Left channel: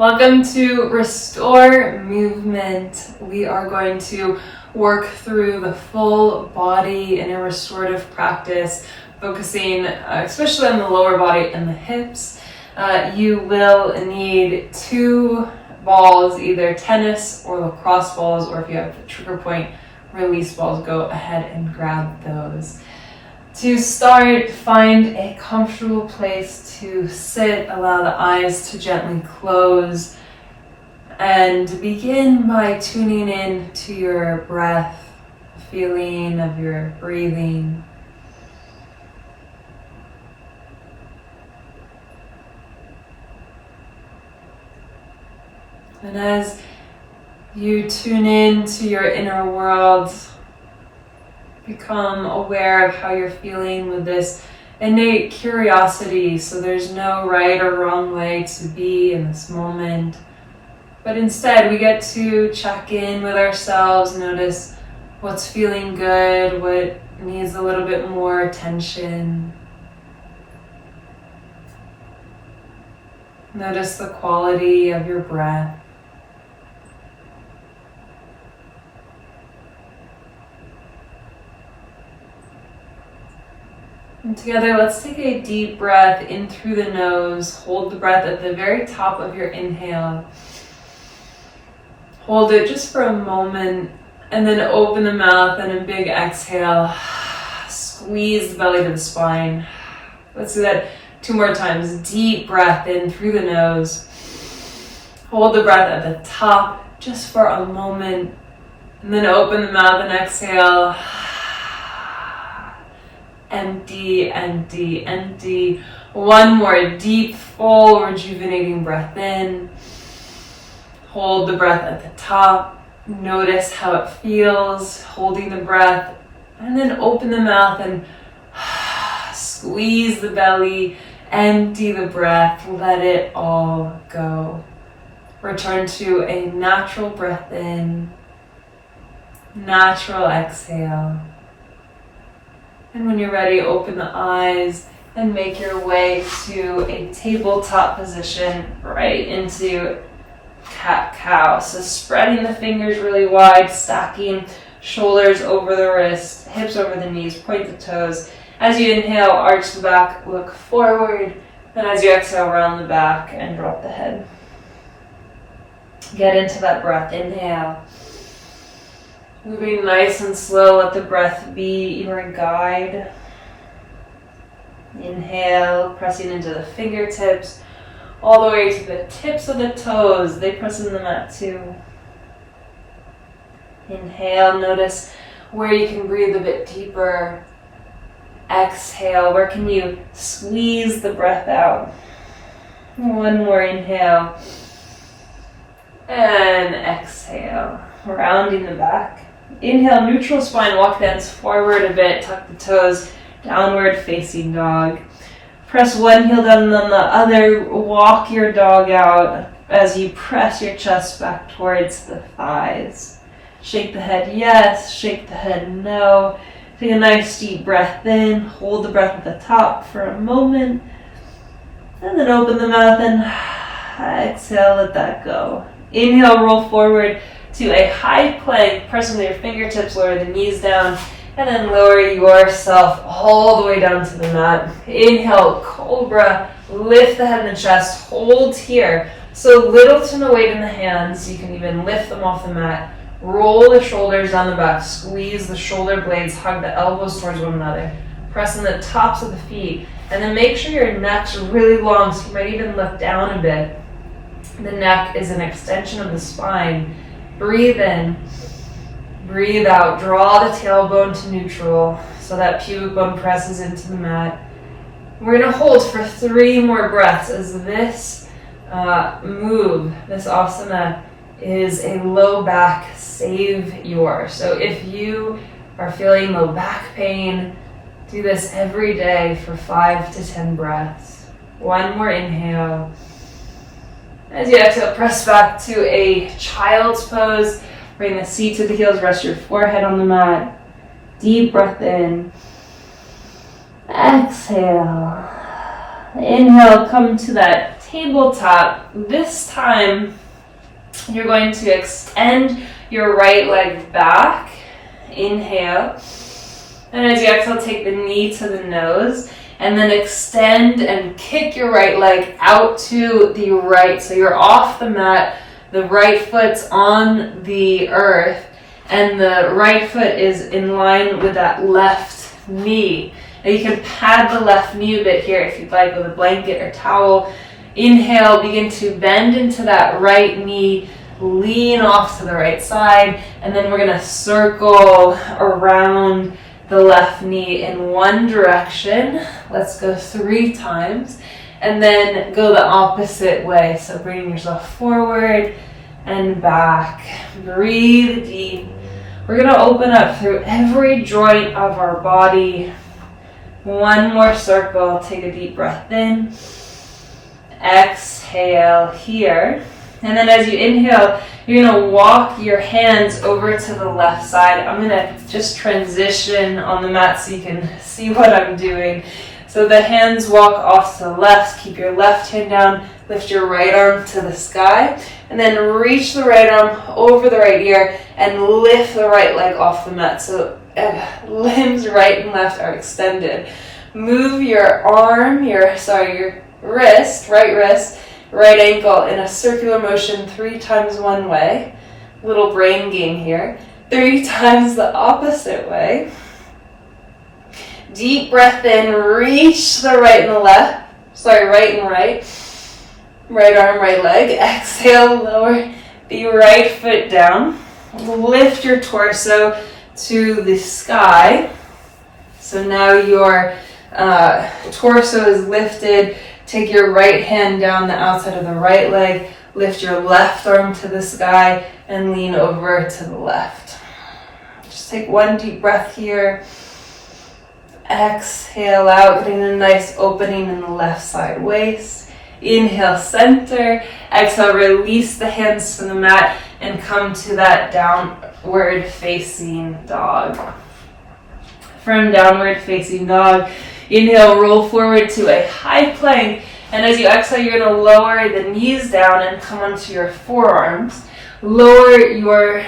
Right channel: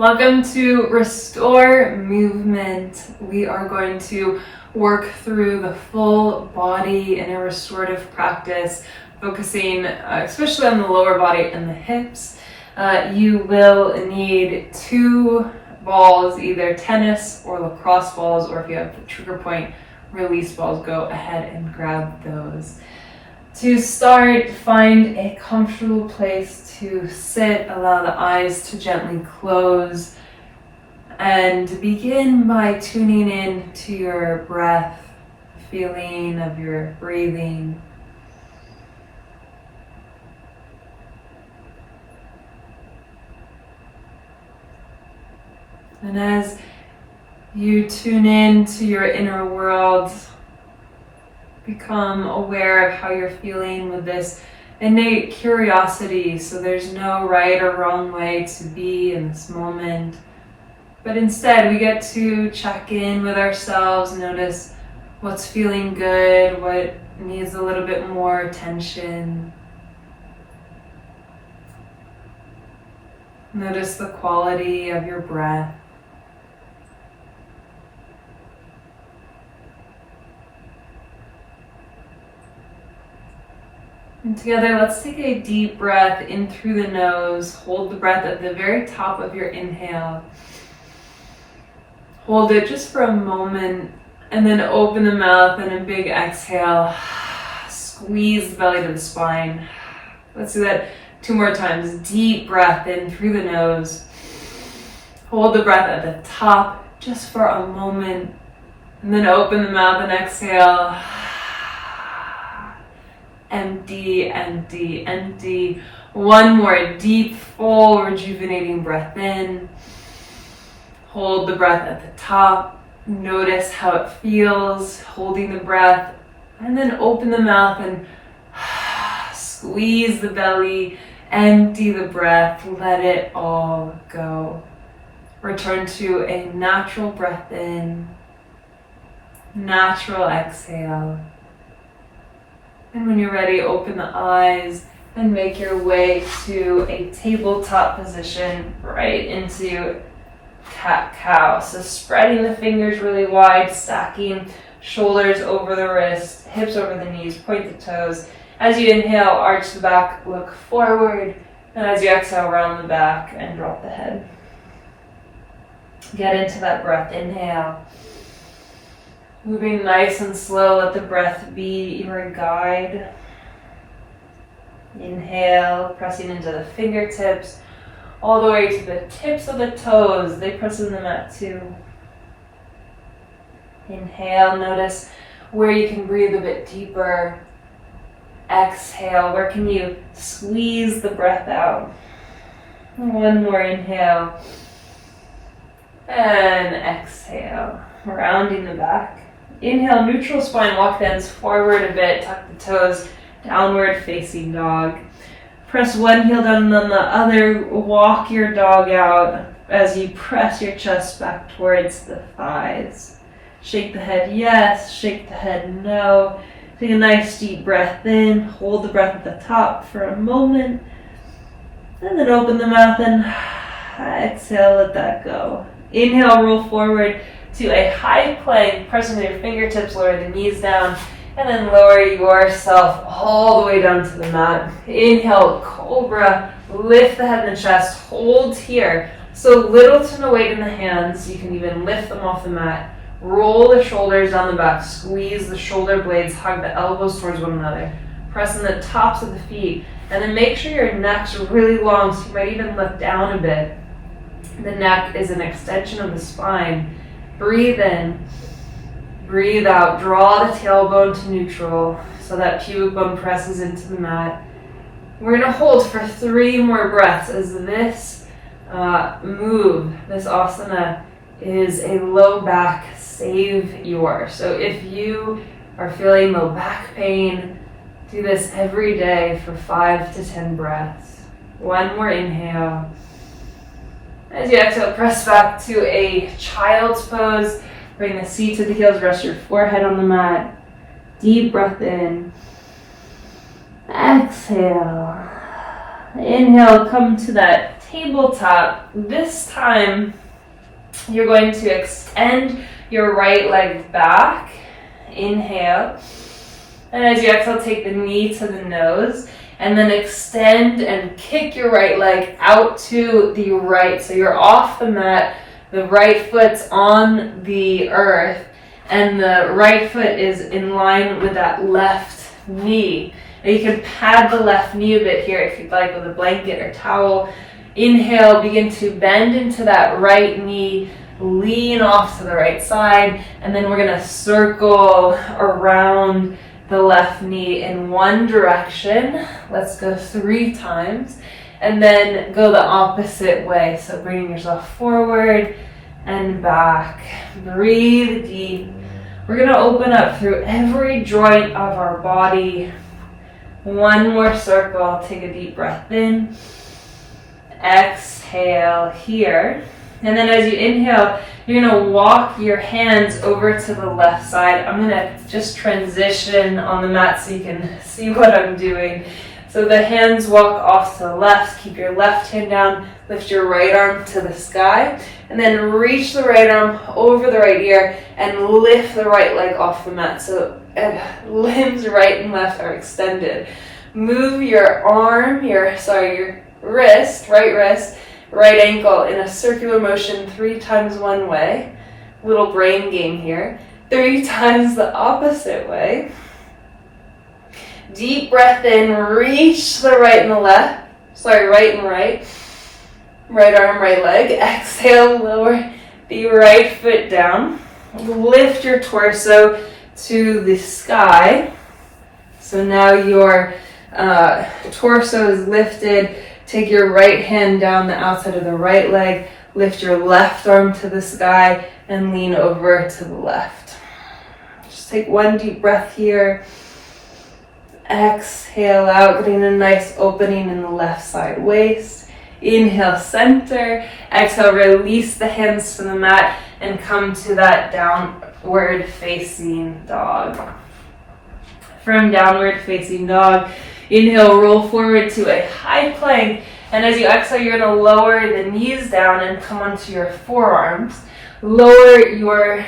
Welcome to Restore Movement. We are going to work through the full body in a restorative practice, focusing especially on the lower body and the hips. You will need 2 balls, either tennis or lacrosse balls, or if you have the trigger point release balls, go ahead and grab those. To start, find a comfortable place to sit, allow the eyes to gently close, and begin by tuning in to your breath, feeling of your breathing. And as you tune in to your inner world, become aware of how you're feeling with this innate curiosity. So there's no right or wrong way to be in this moment, but instead we get to check in with ourselves, notice what's feeling good, what needs a little bit more attention. Notice the quality of your breath. And together, let's take a deep breath in through the nose. Hold the breath at the very top of your inhale. Hold it just for a moment, and then open the mouth and a big exhale. Squeeze the belly to the spine. Let's do that 2 more times. Deep breath in through the nose. Hold the breath at the top just for a moment, and then open the mouth and exhale. Empty, empty, empty. 1 more deep, full, rejuvenating breath in. Hold the breath at the top. Notice how it feels, holding the breath. And then open the mouth and squeeze the belly, empty the breath, let it all go. Return to a natural breath in, natural exhale. And when you're ready, open the eyes and make your way to a tabletop position right into cat-cow. So spreading the fingers really wide, stacking shoulders over the wrists, hips over the knees, point the toes. As you inhale, arch the back, look forward. And as you exhale, round the back and drop the head. Get into that breath. Inhale. Moving nice and slow, let the breath be your guide. Inhale, pressing into the fingertips, all the way to the tips of the toes. They press in the mat too. Inhale, notice where you can breathe a bit deeper. Exhale, where can you squeeze the breath out? 1 more inhale. And exhale, rounding the back. Inhale, neutral spine, walk the hands forward a bit, tuck the toes, downward facing dog. Press one heel down on the other, walk your dog out as you press your chest back towards the thighs. Shake the head yes, shake the head no. Take a nice deep breath in, hold the breath at the top for a moment, and then open the mouth and exhale, let that go. Inhale, roll forward to a high plank, pressing with your fingertips, lower the knees down, and then lower yourself all the way down to the mat. Inhale, cobra, lift the head and the chest, hold here. So little to no weight in the hands, you can even lift them off the mat. Roll the shoulders down the back, squeeze the shoulder blades, hug the elbows towards one another. Press in the tops of the feet, and then make sure your neck's really long, so you might even lift down a bit. The neck is an extension of the spine. Breathe in, breathe out, draw the tailbone to neutral so that pubic bone presses into the mat. We're going to hold for 3 more breaths as this move, this asana, is a low back savior. So if you are feeling low back pain, do this every day for 5 to 10 breaths. 1 more inhale. As you exhale, press back to a child's pose. Bring the seat to the heels, rest your forehead on the mat. Deep breath in. Exhale. Inhale, come to that tabletop. This time you're going to extend your right leg back. Inhale. And as you exhale, take the knee to the nose. And then extend and kick your right leg out to the right. So you're off the mat. The right foot's on the earth. And the right foot is in line with that left knee. Now you can pad the left knee a bit here if you'd like with a blanket or towel. Inhale, begin to bend into that right knee, lean off to the right side, and then we're gonna circle around the left knee in one direction. Let's go 3 times, and then go the opposite way. So bringing yourself forward and back. Breathe deep. We're gonna open up through every joint of our body. One more circle. Take a deep breath in. Exhale here. And then as you inhale, you're gonna walk your hands over to the left side. I'm gonna just transition on the mat so you can see what I'm doing. So the hands walk off to the left. Keep your left hand down. Lift your right arm to the sky. And then reach the right arm over the right ear and lift the right leg off the mat. So limbs right and left are extended. Move your arm, your wrist, right ankle in a circular motion 3 times one way. Little brain game here. 3 times the opposite way. Deep breath in, reach the right and the left. Right and right. Right arm, right leg. Exhale, lower the right foot down. Lift your torso to the sky. So now your torso is lifted. Take your right hand down the outside of the right leg. Lift your left arm to the sky and lean over to the left. Just take one deep breath here. Exhale out, getting a nice opening in the left side waist. Inhale, center. Exhale, release the hands to the mat and come to that downward facing dog. From downward facing dog, inhale, roll forward to a high plank. And as you exhale, you're going to lower the knees down and come onto your forearms. Lower your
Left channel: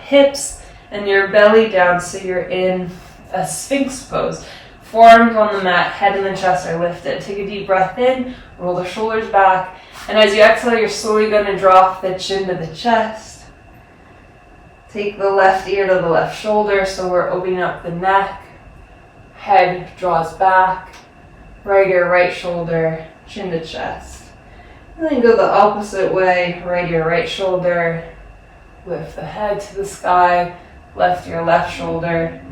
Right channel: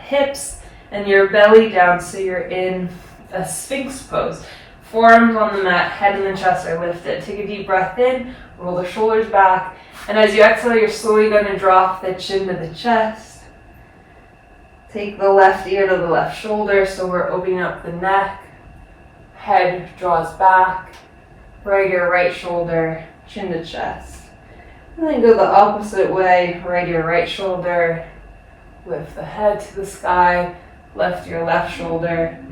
hips and your belly down so you're in a sphinx pose. Forearms on the mat, head and the chest are lifted. Take a deep breath in, roll the shoulders back. And as you exhale, you're slowly going to drop the chin to the chest. Take the left ear to the left shoulder, so we're opening up the neck. Head draws back. Right ear, right shoulder, chin to chest. And then go the opposite way. Right ear, right shoulder. Lift the head to the sky. Left ear, left shoulder.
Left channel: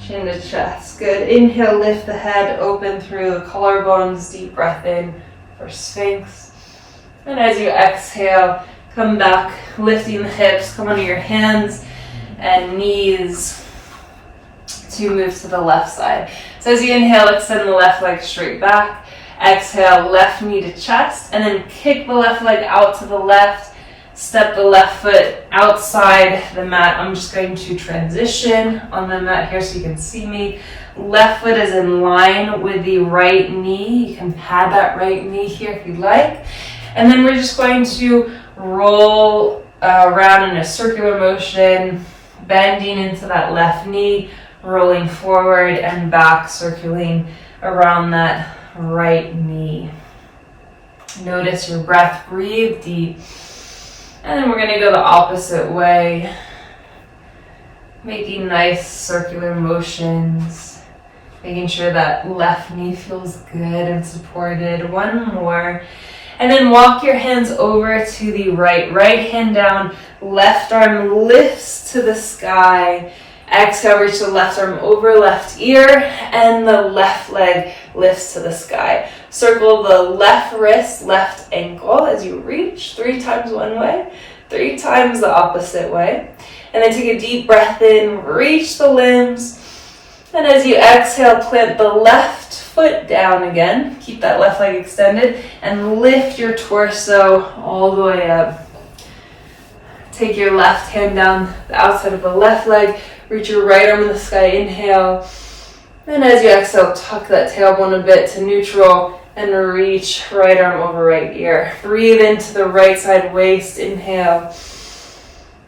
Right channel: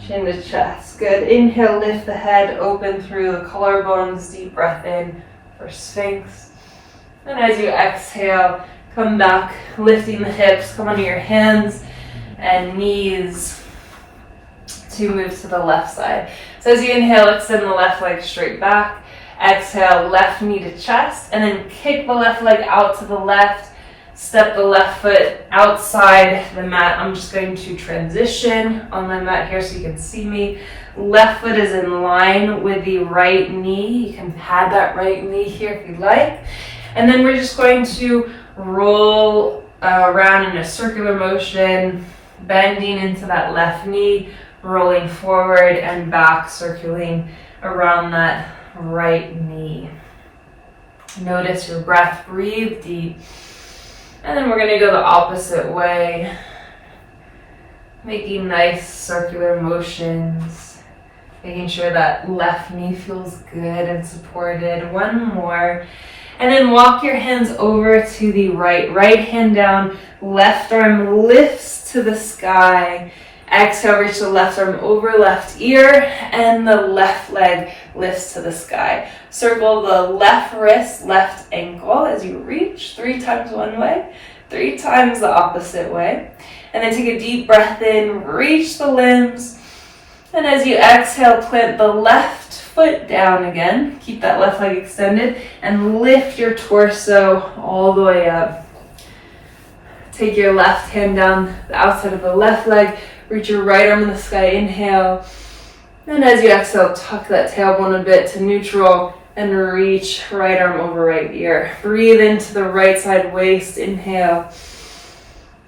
Chin to chest. Good. Inhale, lift the head, open through the collarbones. Deep breath in for Sphinx. And as you exhale, come back, lifting the hips. Come onto your hands and knees to move to the left side. So as you inhale, extend the left leg straight back. Exhale, left knee to chest. And then kick the left leg out to the left. Step the left foot outside the mat. I'm just going to transition on the mat here so you can see me. Left foot is in line with the right knee. You can pad that right knee here if you'd like. And then we're just going to roll around in a circular motion, bending into that left knee, rolling forward and back, circling around that right knee. Notice your breath, breathe deep. And then we're going to go the opposite way, making nice circular motions, making sure that left knee feels good and supported. One more. And then walk your hands over to the right. Right hand down, left arm lifts to the sky. Exhale, reach the left arm over left ear, and the left leg lifts to the sky. Circle the left wrist, left ankle as you reach 3 times one way, 3 times the opposite way. And then take a deep breath in, reach the limbs. And as you exhale, plant the left foot down again. Keep that left leg extended and lift your torso all the way up. Take your left hand down the outside of the left leg. Reach your right arm in the sky, inhale. And as you exhale, tuck that tailbone a bit to neutral and reach right arm over right ear. Breathe into the right side waist, inhale.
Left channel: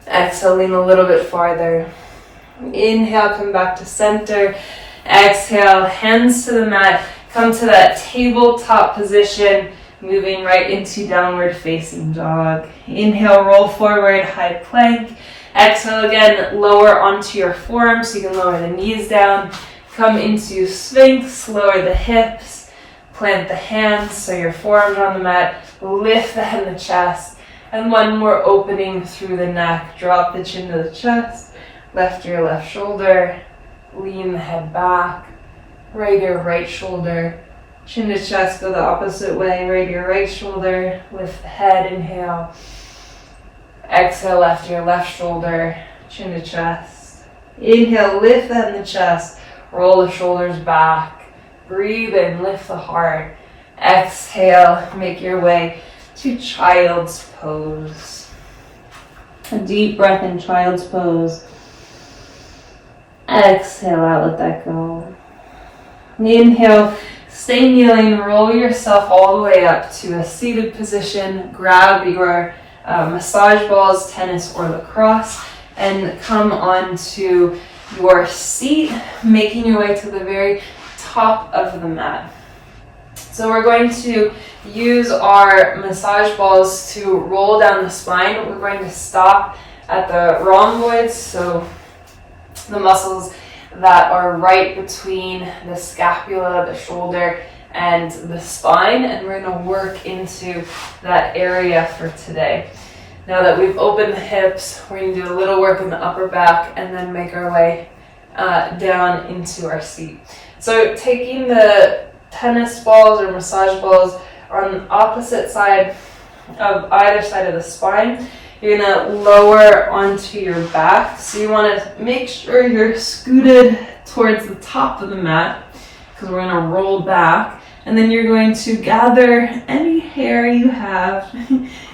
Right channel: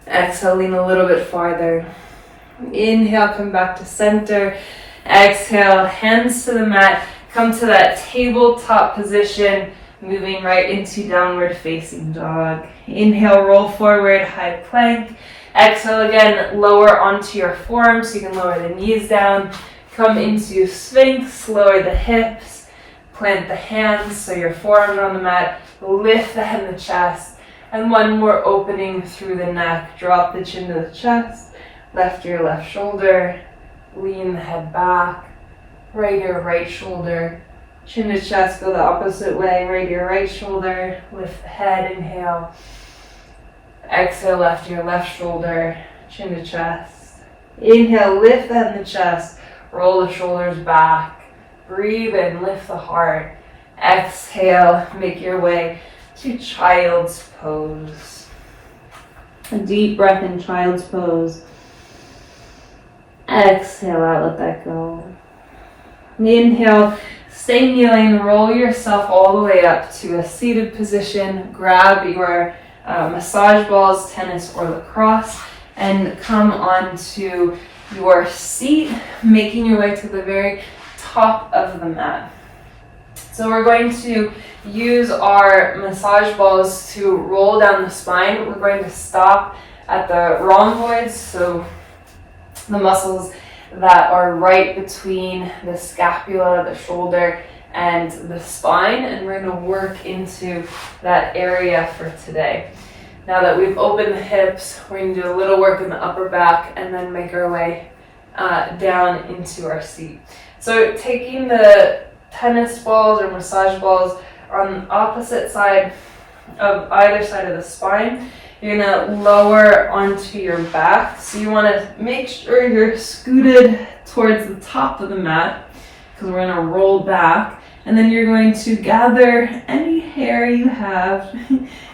Exhale, lean a little bit farther. Inhale, come back to center. Exhale, hands to the mat. Come to that tabletop position, moving right into downward facing dog. Inhale, roll forward, high plank. Exhale again, lower onto your forearms so you can lower the knees down. Come into Sphinx, lower the hips. Plant the hands so your forearms are on the mat. Lift the head and the chest. And one more opening through the neck. Drop the chin to the chest. Left ear, left shoulder. Lean the head back. Right ear, right shoulder. Chin to chest, go the opposite way. Right ear, right shoulder. Lift the head, inhale. Exhale, left ear, left shoulder. Chin to chest. Inhale, lift the head and the chest. Roll the shoulders back. Breathe in, lift the heart. Exhale, make your way to child's pose. A deep breath in child's pose. Exhale out, let that go. Inhale, stay kneeling, roll yourself all the way up to a seated position. Grab your massage balls, tennis or lacrosse, and come onto your seat, making your way to the very top of the mat. So we're going to use our massage balls to roll down the spine. We're going to stop at the rhomboids, so the muscles that are right between the scapula, the shoulder, and the spine, and we're going to work into that area for today. Now that we've opened the hips, we're going to do a little work in the upper back and then make our way down into our seat. So taking the tennis balls or massage balls on the opposite side of either side of the spine, you're going to lower onto your back. So you want to make sure you're scooted towards the top of the mat because we're going to roll back. And then you're going to gather any hair you have,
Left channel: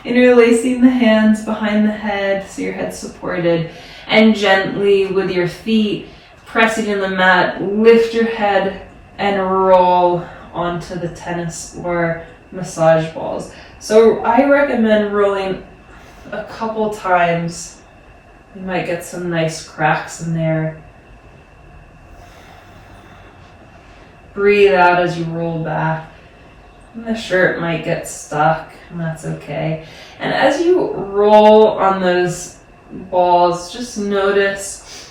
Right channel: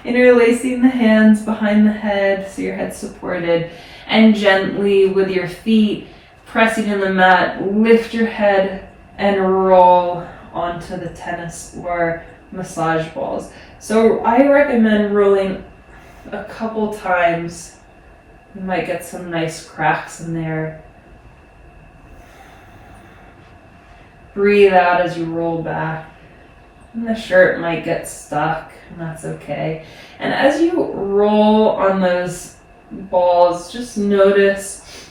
interlacing the hands behind the head so your head's supported, and gently with your feet pressing in the mat, lift your head and roll onto the tennis or massage balls. So I recommend rolling a couple times. You might get some nice cracks in there. Breathe out as you roll back. And the shirt might get stuck, and that's okay. And as you roll on those balls, just notice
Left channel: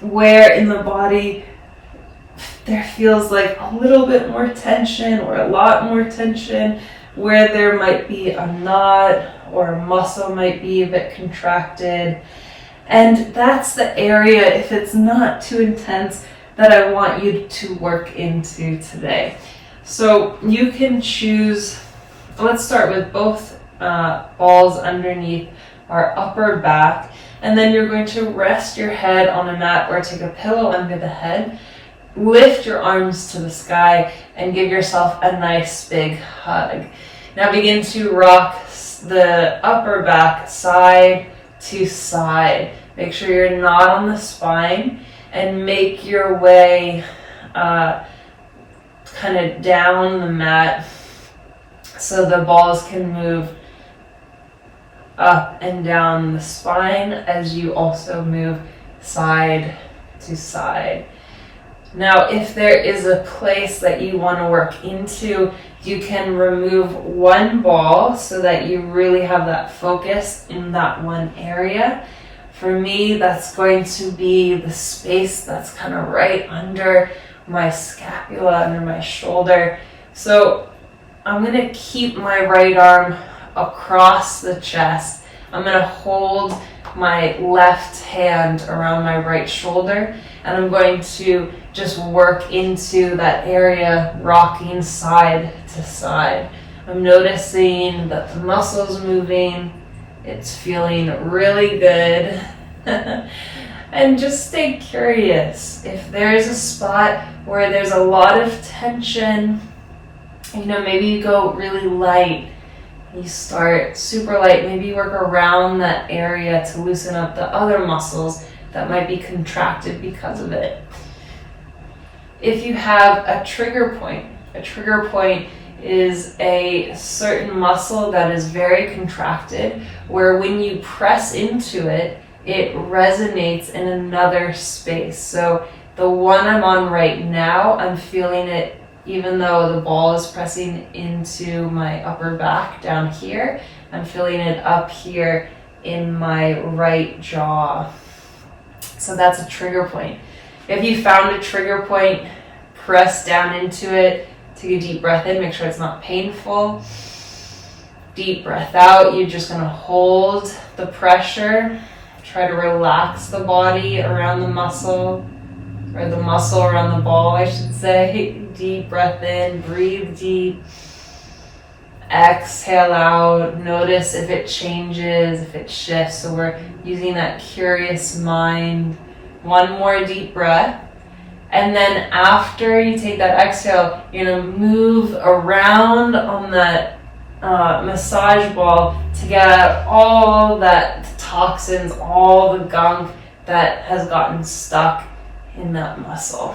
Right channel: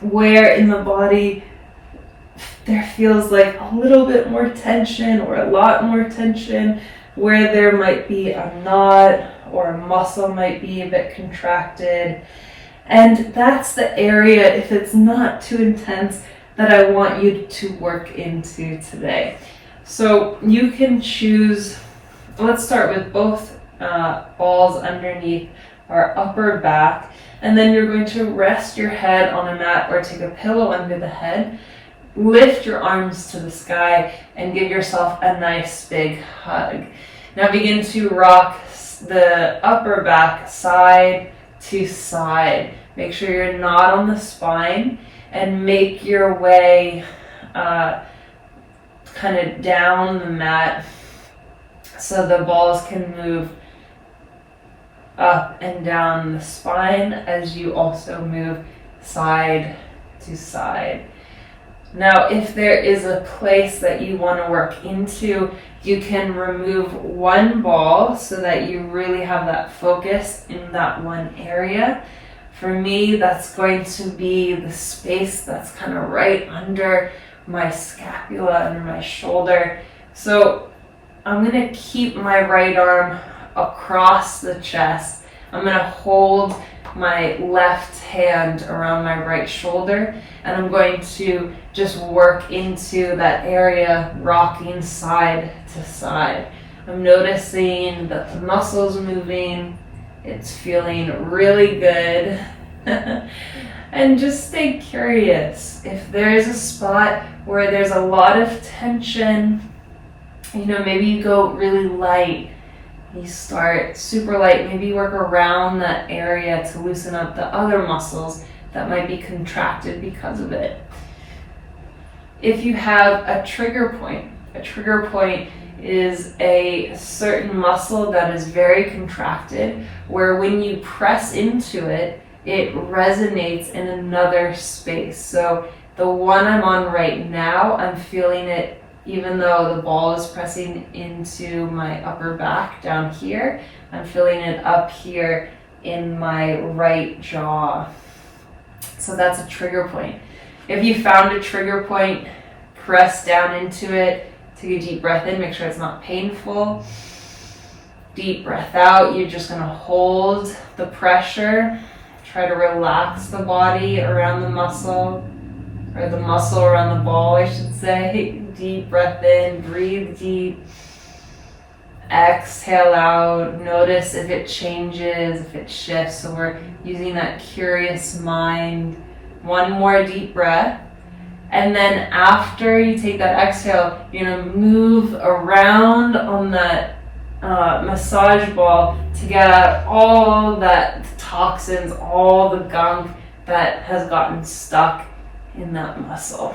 where in the body there feels like a little bit more tension or a lot more tension, where there might be a knot or a muscle might be a bit contracted. And that's the area, if it's not too intense, that I want you to work into today. So you can choose, let's start with both balls underneath our upper back, and then you're going to rest your head on a mat or take a pillow under the head. Lift your arms to the sky and give yourself a nice big hug. Now begin to rock the upper back side to side. Make sure you're not on the spine, and make your way kind of down the mat so the balls can move up and down the spine as you also move side to side. Now, if there is a place that you want to work into, you can remove one ball so that you really have that focus in that one area. For me, that's going to be the space that's kind of right under my scapula, under my shoulder. So I'm going to keep my right arm across the chest. I'm going to hold my left hand around my right shoulder, and I'm going to just work into that area, rocking side to side. I'm noticing that the muscles moving. It's feeling really good. And just stay curious. If there's a spot where there's a lot of tension, maybe you go really light. You start super light. Maybe work around that area to loosen up the other muscles that might be contracted because of it. If you have a trigger point, A trigger point is a certain muscle that is very contracted, where when you press into it, it resonates in another space. So the one I'm on right now, I'm feeling it even though the ball is pressing into my upper back down here. I'm feeling it up here in my right jaw. So that's a trigger point. If you found a trigger point, press down into it. Take a deep breath in, make sure it's not painful. Deep breath out. You're just going to hold the pressure. Try to relax the body around the muscle, or the muscle around the ball, I should say. Deep breath in, breathe deep. Exhale out. Notice if it changes, if it shifts. So we're using that curious mind. One more deep breath. And then after you take that exhale, you're going to move around on that massage ball to get out all that toxins, all the gunk that has gotten stuck in that muscle.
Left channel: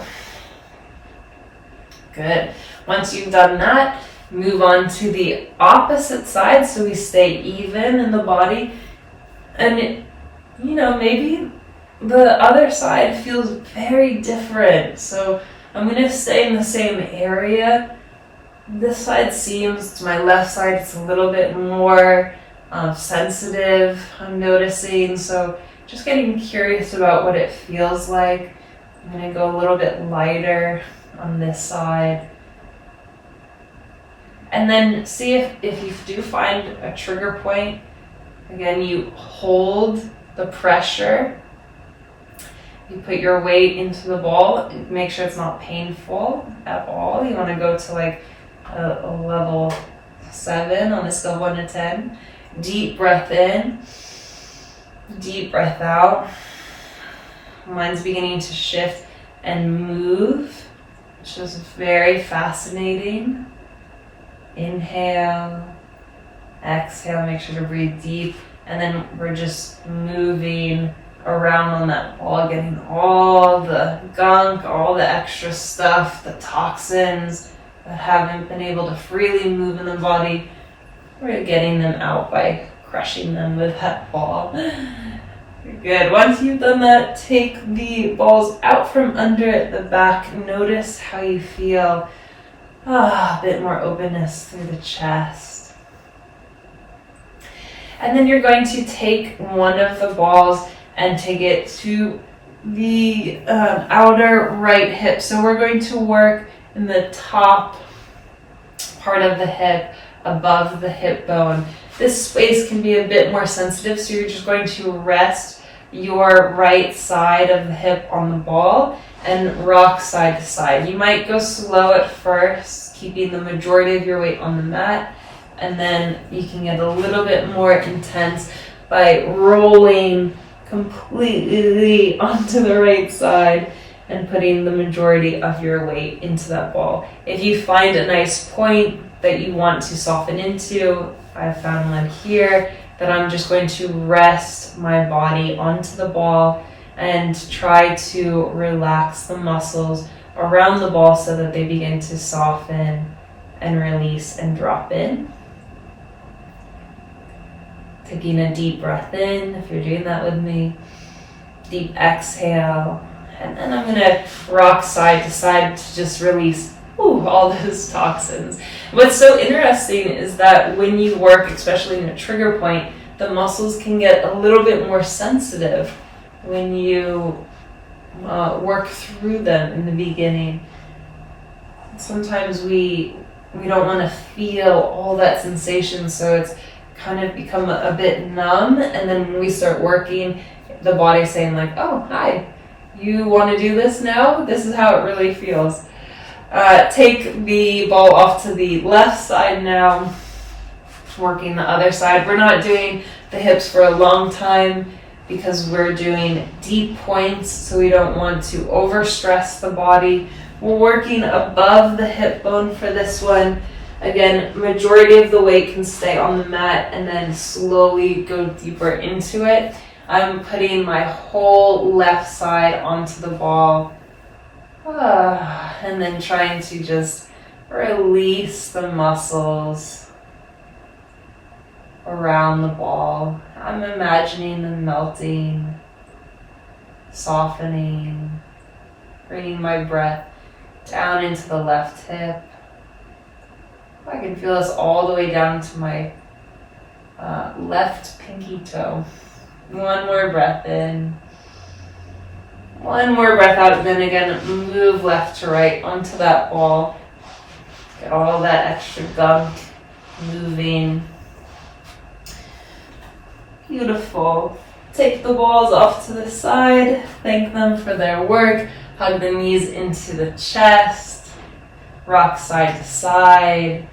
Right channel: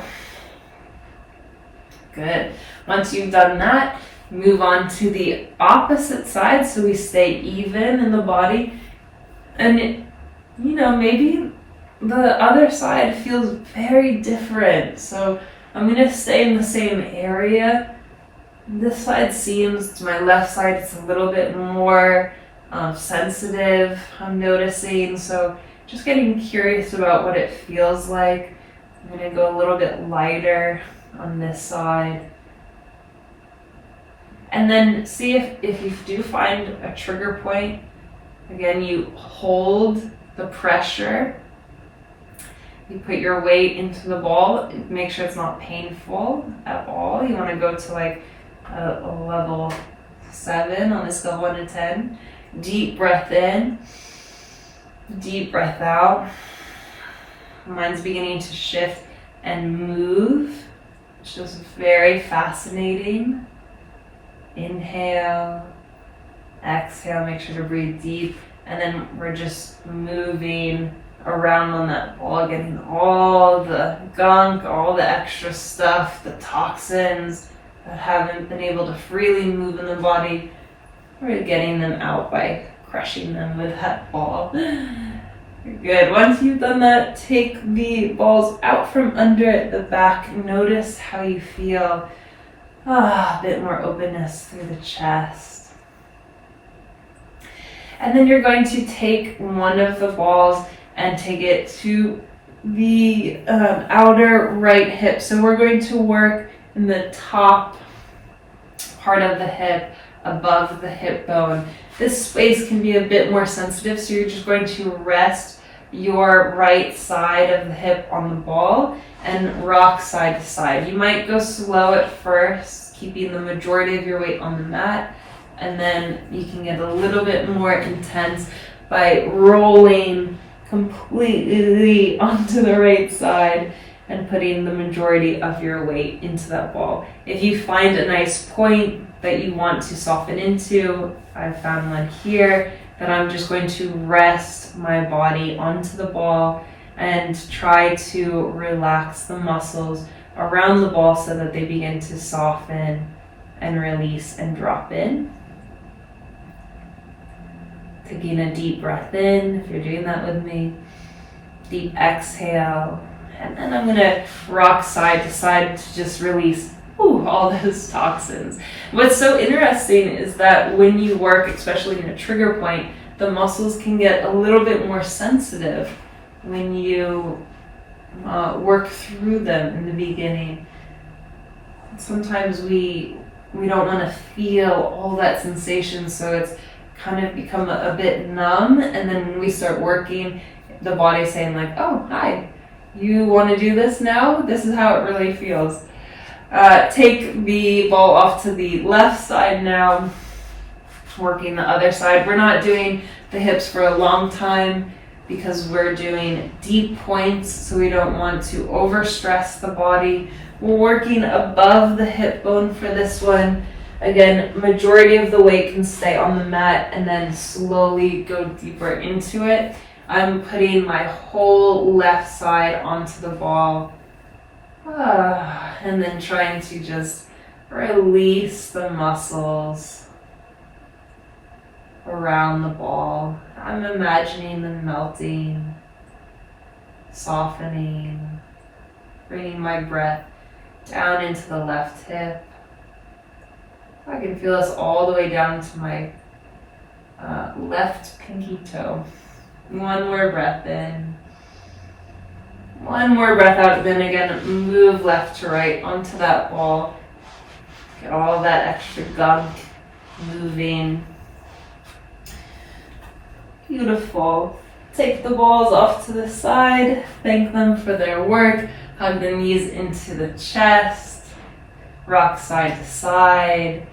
Good. Once you've done that, move on to the opposite side so we stay even in the body. And, maybe the other side feels very different. So I'm going to stay in the same area. This side seems, to my left side, it's a little bit more sensitive, I'm noticing. So just getting curious about what it feels like. I'm going to go a little bit lighter on this side. And then see if you do find a trigger point. Again, you hold the pressure. You put your weight into the ball. Make sure it's not painful at all. You want to go to like a level 7 on the scale 1 to 10. Deep breath in. Deep breath out. Mine's beginning to shift and move, which is very fascinating. Inhale. Exhale. Make sure to breathe deep. And then we're just moving around on that ball, getting all the gunk, all the extra stuff, the toxins that haven't been able to freely move in the body. We're getting them out by crushing them with that ball. Good. Once you've done that, take the balls out from under the back. Notice how you feel. A bit more openness through the chest. And then you're going to take one of the balls and take it to the outer right hip. So we're going to work in the top part of the hip, above the hip bone. This space can be a bit more sensitive, so you're just going to rest your right side of the hip on the ball and rock side to side. You might go slow at first, keeping the majority of your weight on the mat, and then you can get a little bit more intense by rolling completely onto the right side and putting the majority of your weight into that ball. If you find a nice point that you want to soften into, I found one here that I'm just going to rest my body onto the ball and try to relax the muscles around the ball so that they begin to soften and release and drop in. Taking a deep breath in, if you're doing that with me. Deep exhale. And then I'm going to rock side to side to just release all those toxins. What's so interesting is that when you work, especially in a trigger point, the muscles can get a little bit more sensitive when you work through them in the beginning. Sometimes we don't want to feel all that sensation, so it's kind of become a bit numb, and then when we start working, the body's saying like, oh, hi, you want to do this now? This is how it really feels. Take the ball off to the left side now, working the other side. We're not doing the hips for a long time because we're doing deep points, so we don't want to overstress the body. We're working above the hip bone for this one. Again, majority of the weight can stay on the mat and then slowly go deeper into it. I'm putting my whole left side onto the ball and then trying to just Release the muscles around the ball. I'm imagining them melting, softening, bringing my breath down into the left hip. I can feel this all the way down to my left pinky toe. One more breath in. One more breath out, then again, move left to right onto that ball. Get all that extra gunk moving. Beautiful. Take the balls off to the side. Thank them for their work. Hug the knees into the chest. Rock side to side.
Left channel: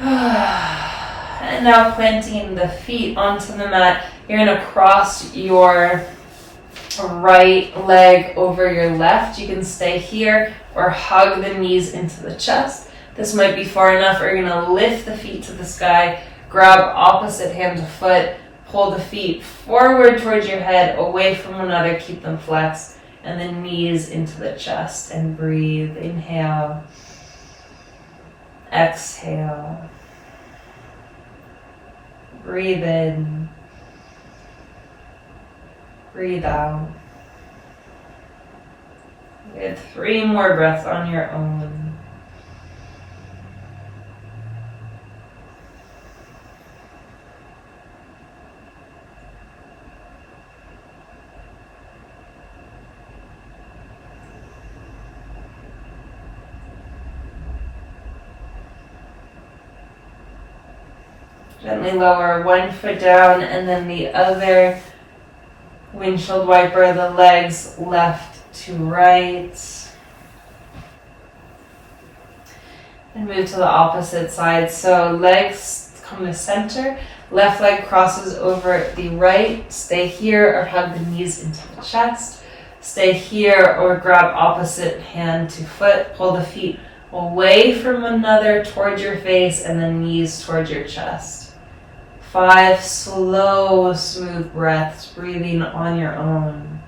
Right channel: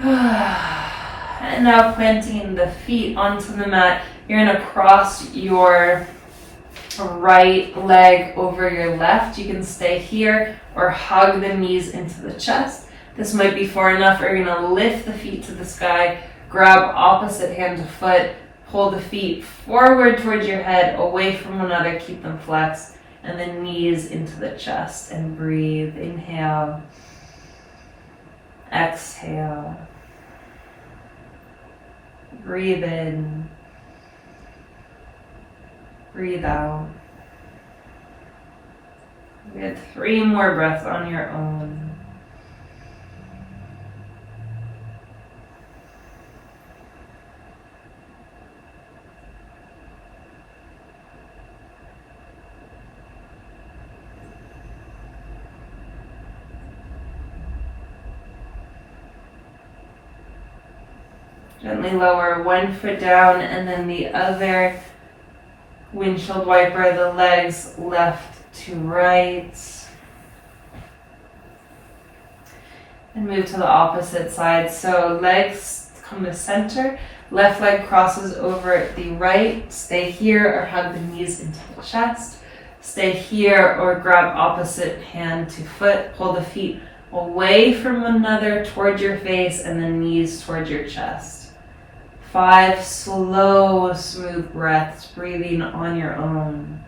And now planting the feet onto the mat. You're going to cross your right leg over your left. You can stay here or hug the knees into the chest. This might be far enough. You're going to lift the feet to the sky, grab opposite hand to foot, pull the feet forward towards your head, away from one another, keep them flexed, and then knees into the chest and breathe. Inhale, exhale, breathe in, breathe out. Get 3 more breaths on your own. Gently lower one foot down and then the other. Windshield wiper the legs left to right. And move to the opposite side. So legs come to center. Left leg crosses over the right. Stay here or hug the knees into the chest. Stay here or grab opposite hand to foot. Pull the feet away from one another towards your face and then knees towards your chest. 5 slow, smooth breaths, breathing on your own.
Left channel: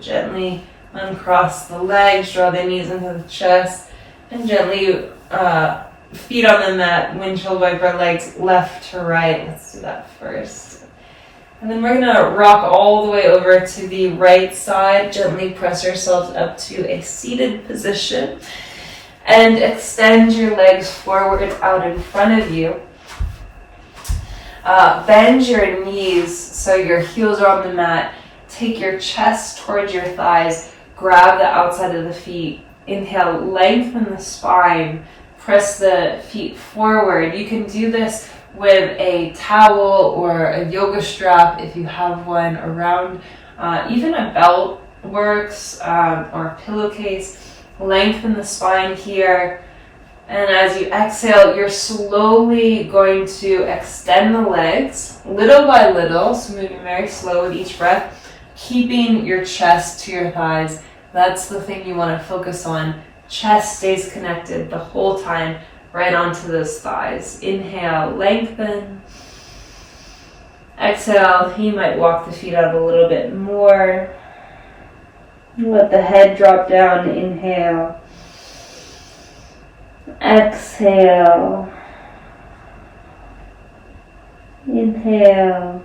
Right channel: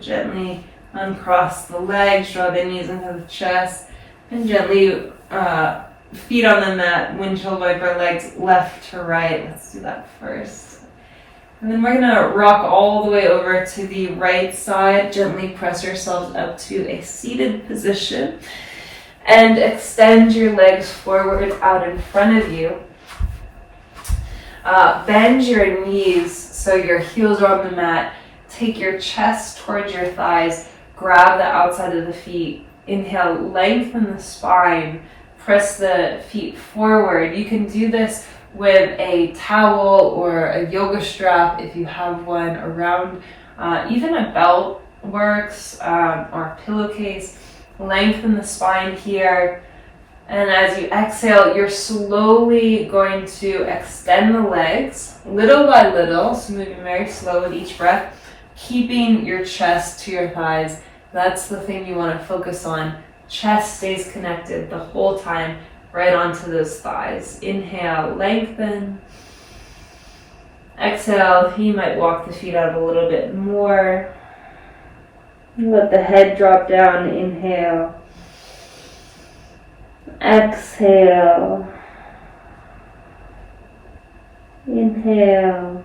Gently uncross the legs, draw the knees into the chest, and gently feet on the mat, windshield wiper legs left to right. Let's do that first. And then we're going to rock all the way over to the right side. Gently press yourselves up to a seated position and extend your legs forward out in front of you. Bend your knees so your heels are on the mat. Take your chest towards your thighs. Grab the outside of the feet. Inhale, lengthen the spine. Press the feet forward. You can do this with a towel or a yoga strap if you have one around. Even a belt works, or a pillowcase. Lengthen the spine here. And as you exhale, you're slowly going to extend the legs little by little. So moving very slow with each breath. Keeping your chest to your thighs. That's the thing you want to focus on. Chest stays connected the whole time, right onto those thighs. Inhale, lengthen. Exhale, you might walk the feet out a little bit more. Let the head drop down. Inhale. Exhale. Inhale.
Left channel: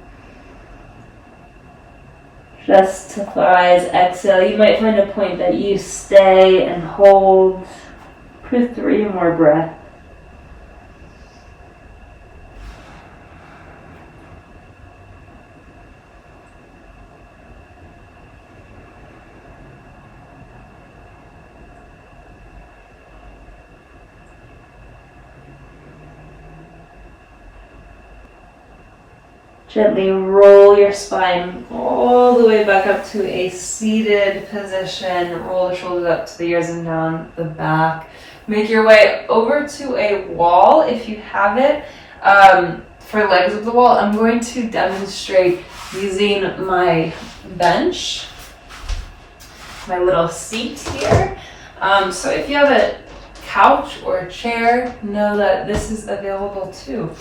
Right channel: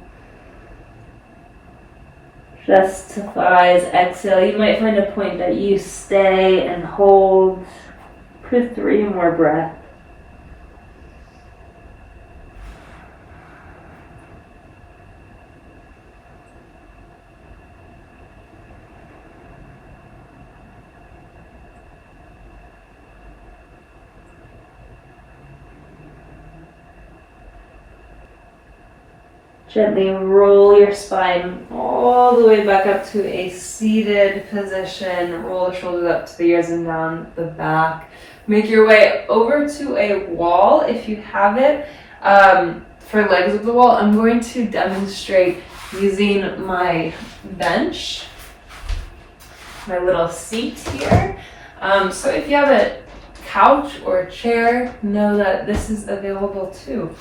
Chest to thighs, exhale. You might find a point that you stay and hold for 3 more breaths. Gently roll your spine all the way back up to a seated position. Roll the shoulders up to the ears and down the back. Make your way over to a wall if you have it. For legs of the wall, I'm going to demonstrate using my bench, my little seat here. So if you have a couch or a chair, know that this is available too.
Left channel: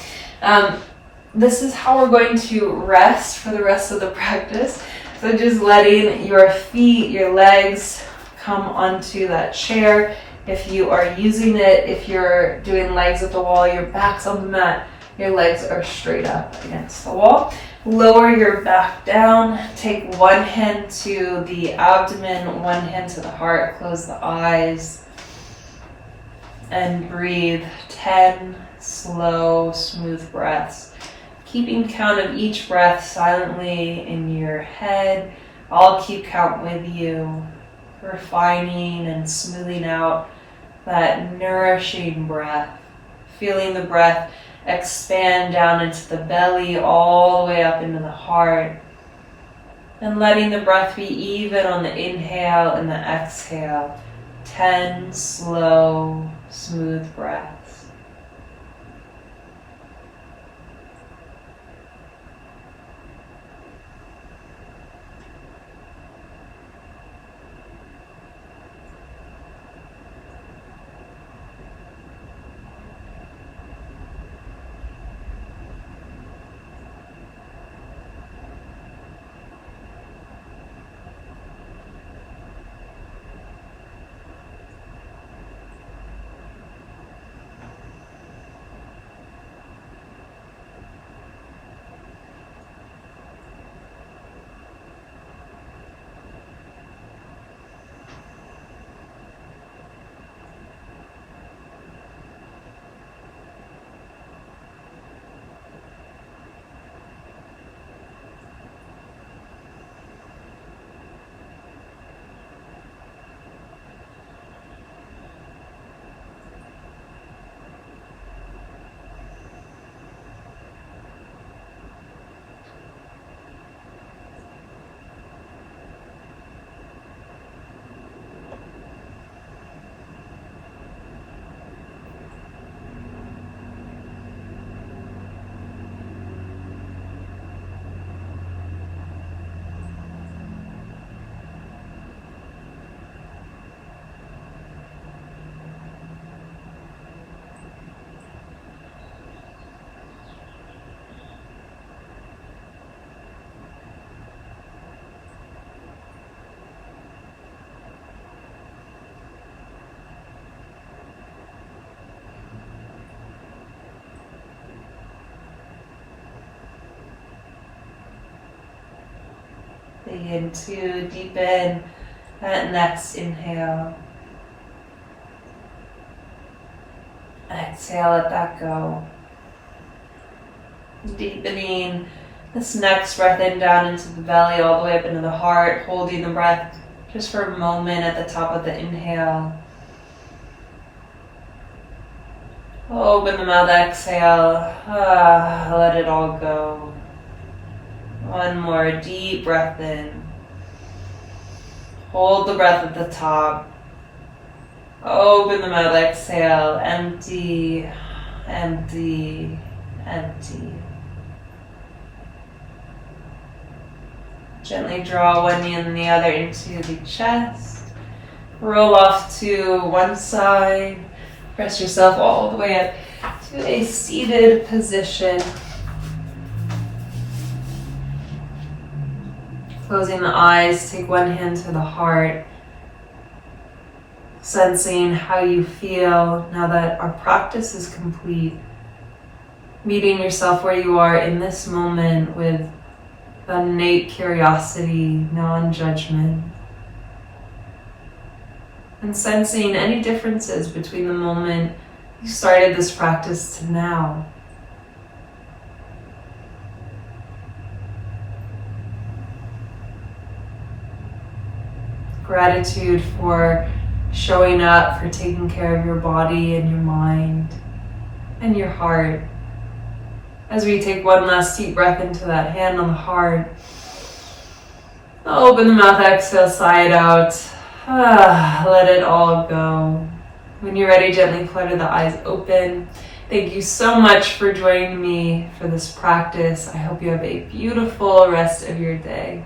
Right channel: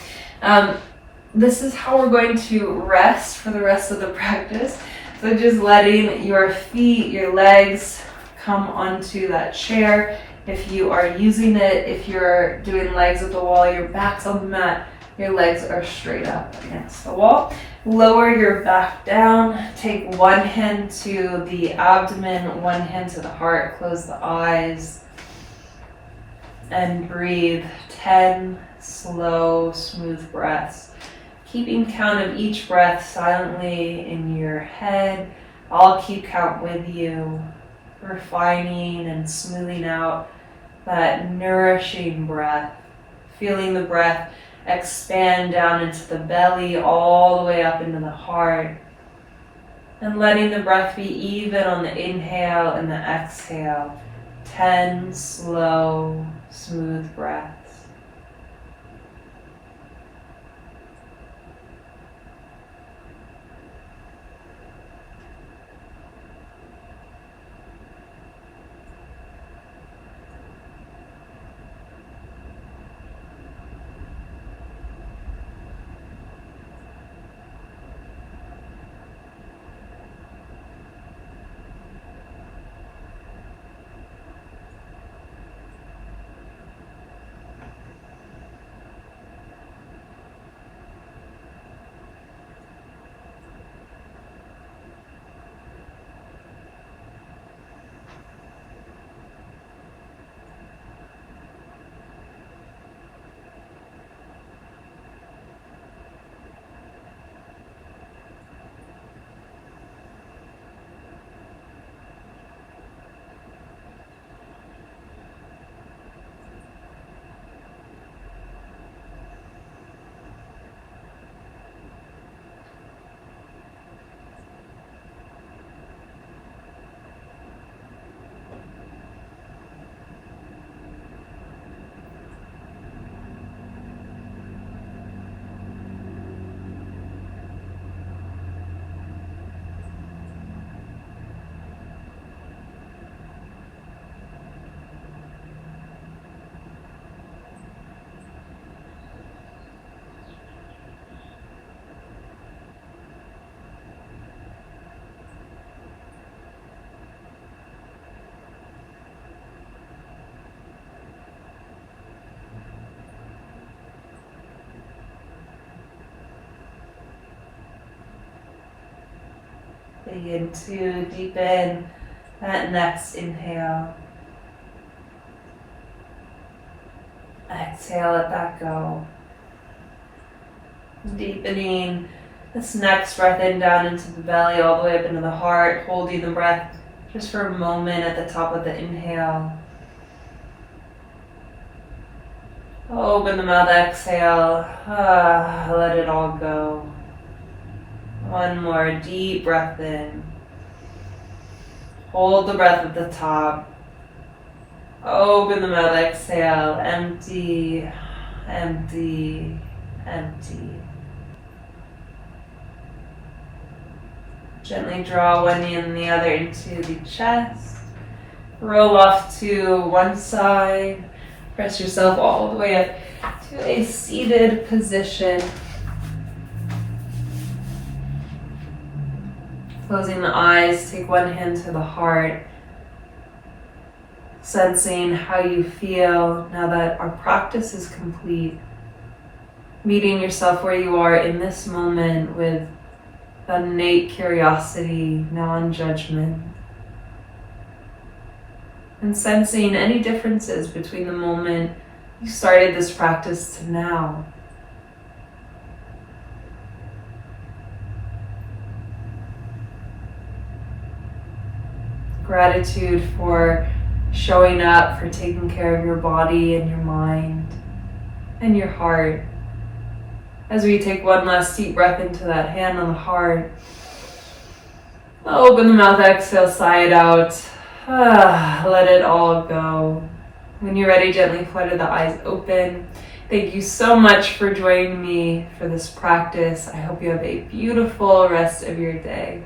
This is how we're going to rest for the rest of the practice. So just letting your feet, your legs come onto that chair. If you are using it, if you're doing legs at the wall, your back's on the mat, your legs are straight up against the wall. Lower your back down. Take one hand to the abdomen, one hand to the heart. Close the eyes and breathe 10 slow, smooth breaths. Keeping count of each breath silently in your head. I'll keep count with you, refining and smoothing out that nourishing breath. Feeling the breath expand down into the belly, all the way up into the heart. And letting the breath be even on the inhale and the exhale. 10 slow, smooth breaths. Begin to deepen that next inhale. Exhale, let that go. Deepening this next breath in down into the belly, all the way up into the heart, holding the breath just for a moment at the top of the inhale. Open the mouth, exhale. Let it all go. One more deep breath in. Hold the breath at the top. Open the mouth, exhale. Empty, empty, empty. Gently draw one knee and the other into the chest. Roll off to one side. Press yourself all the way up to a seated position. Closing the eyes, take one hand to the heart. Sensing how you feel now that our practice is complete. Meeting yourself where you are in this moment with innate curiosity, non-judgment. And sensing any differences between the moment you started this practice to now. Gratitude for showing up, for taking care of your body and your mind and your heart As we take one last deep breath into that hand on the heart. Open the mouth, exhale, sigh it out. Let it all go. When you're ready, gently flutter the eyes open. Thank you so much for joining me for this practice. I hope you have a beautiful rest of your day.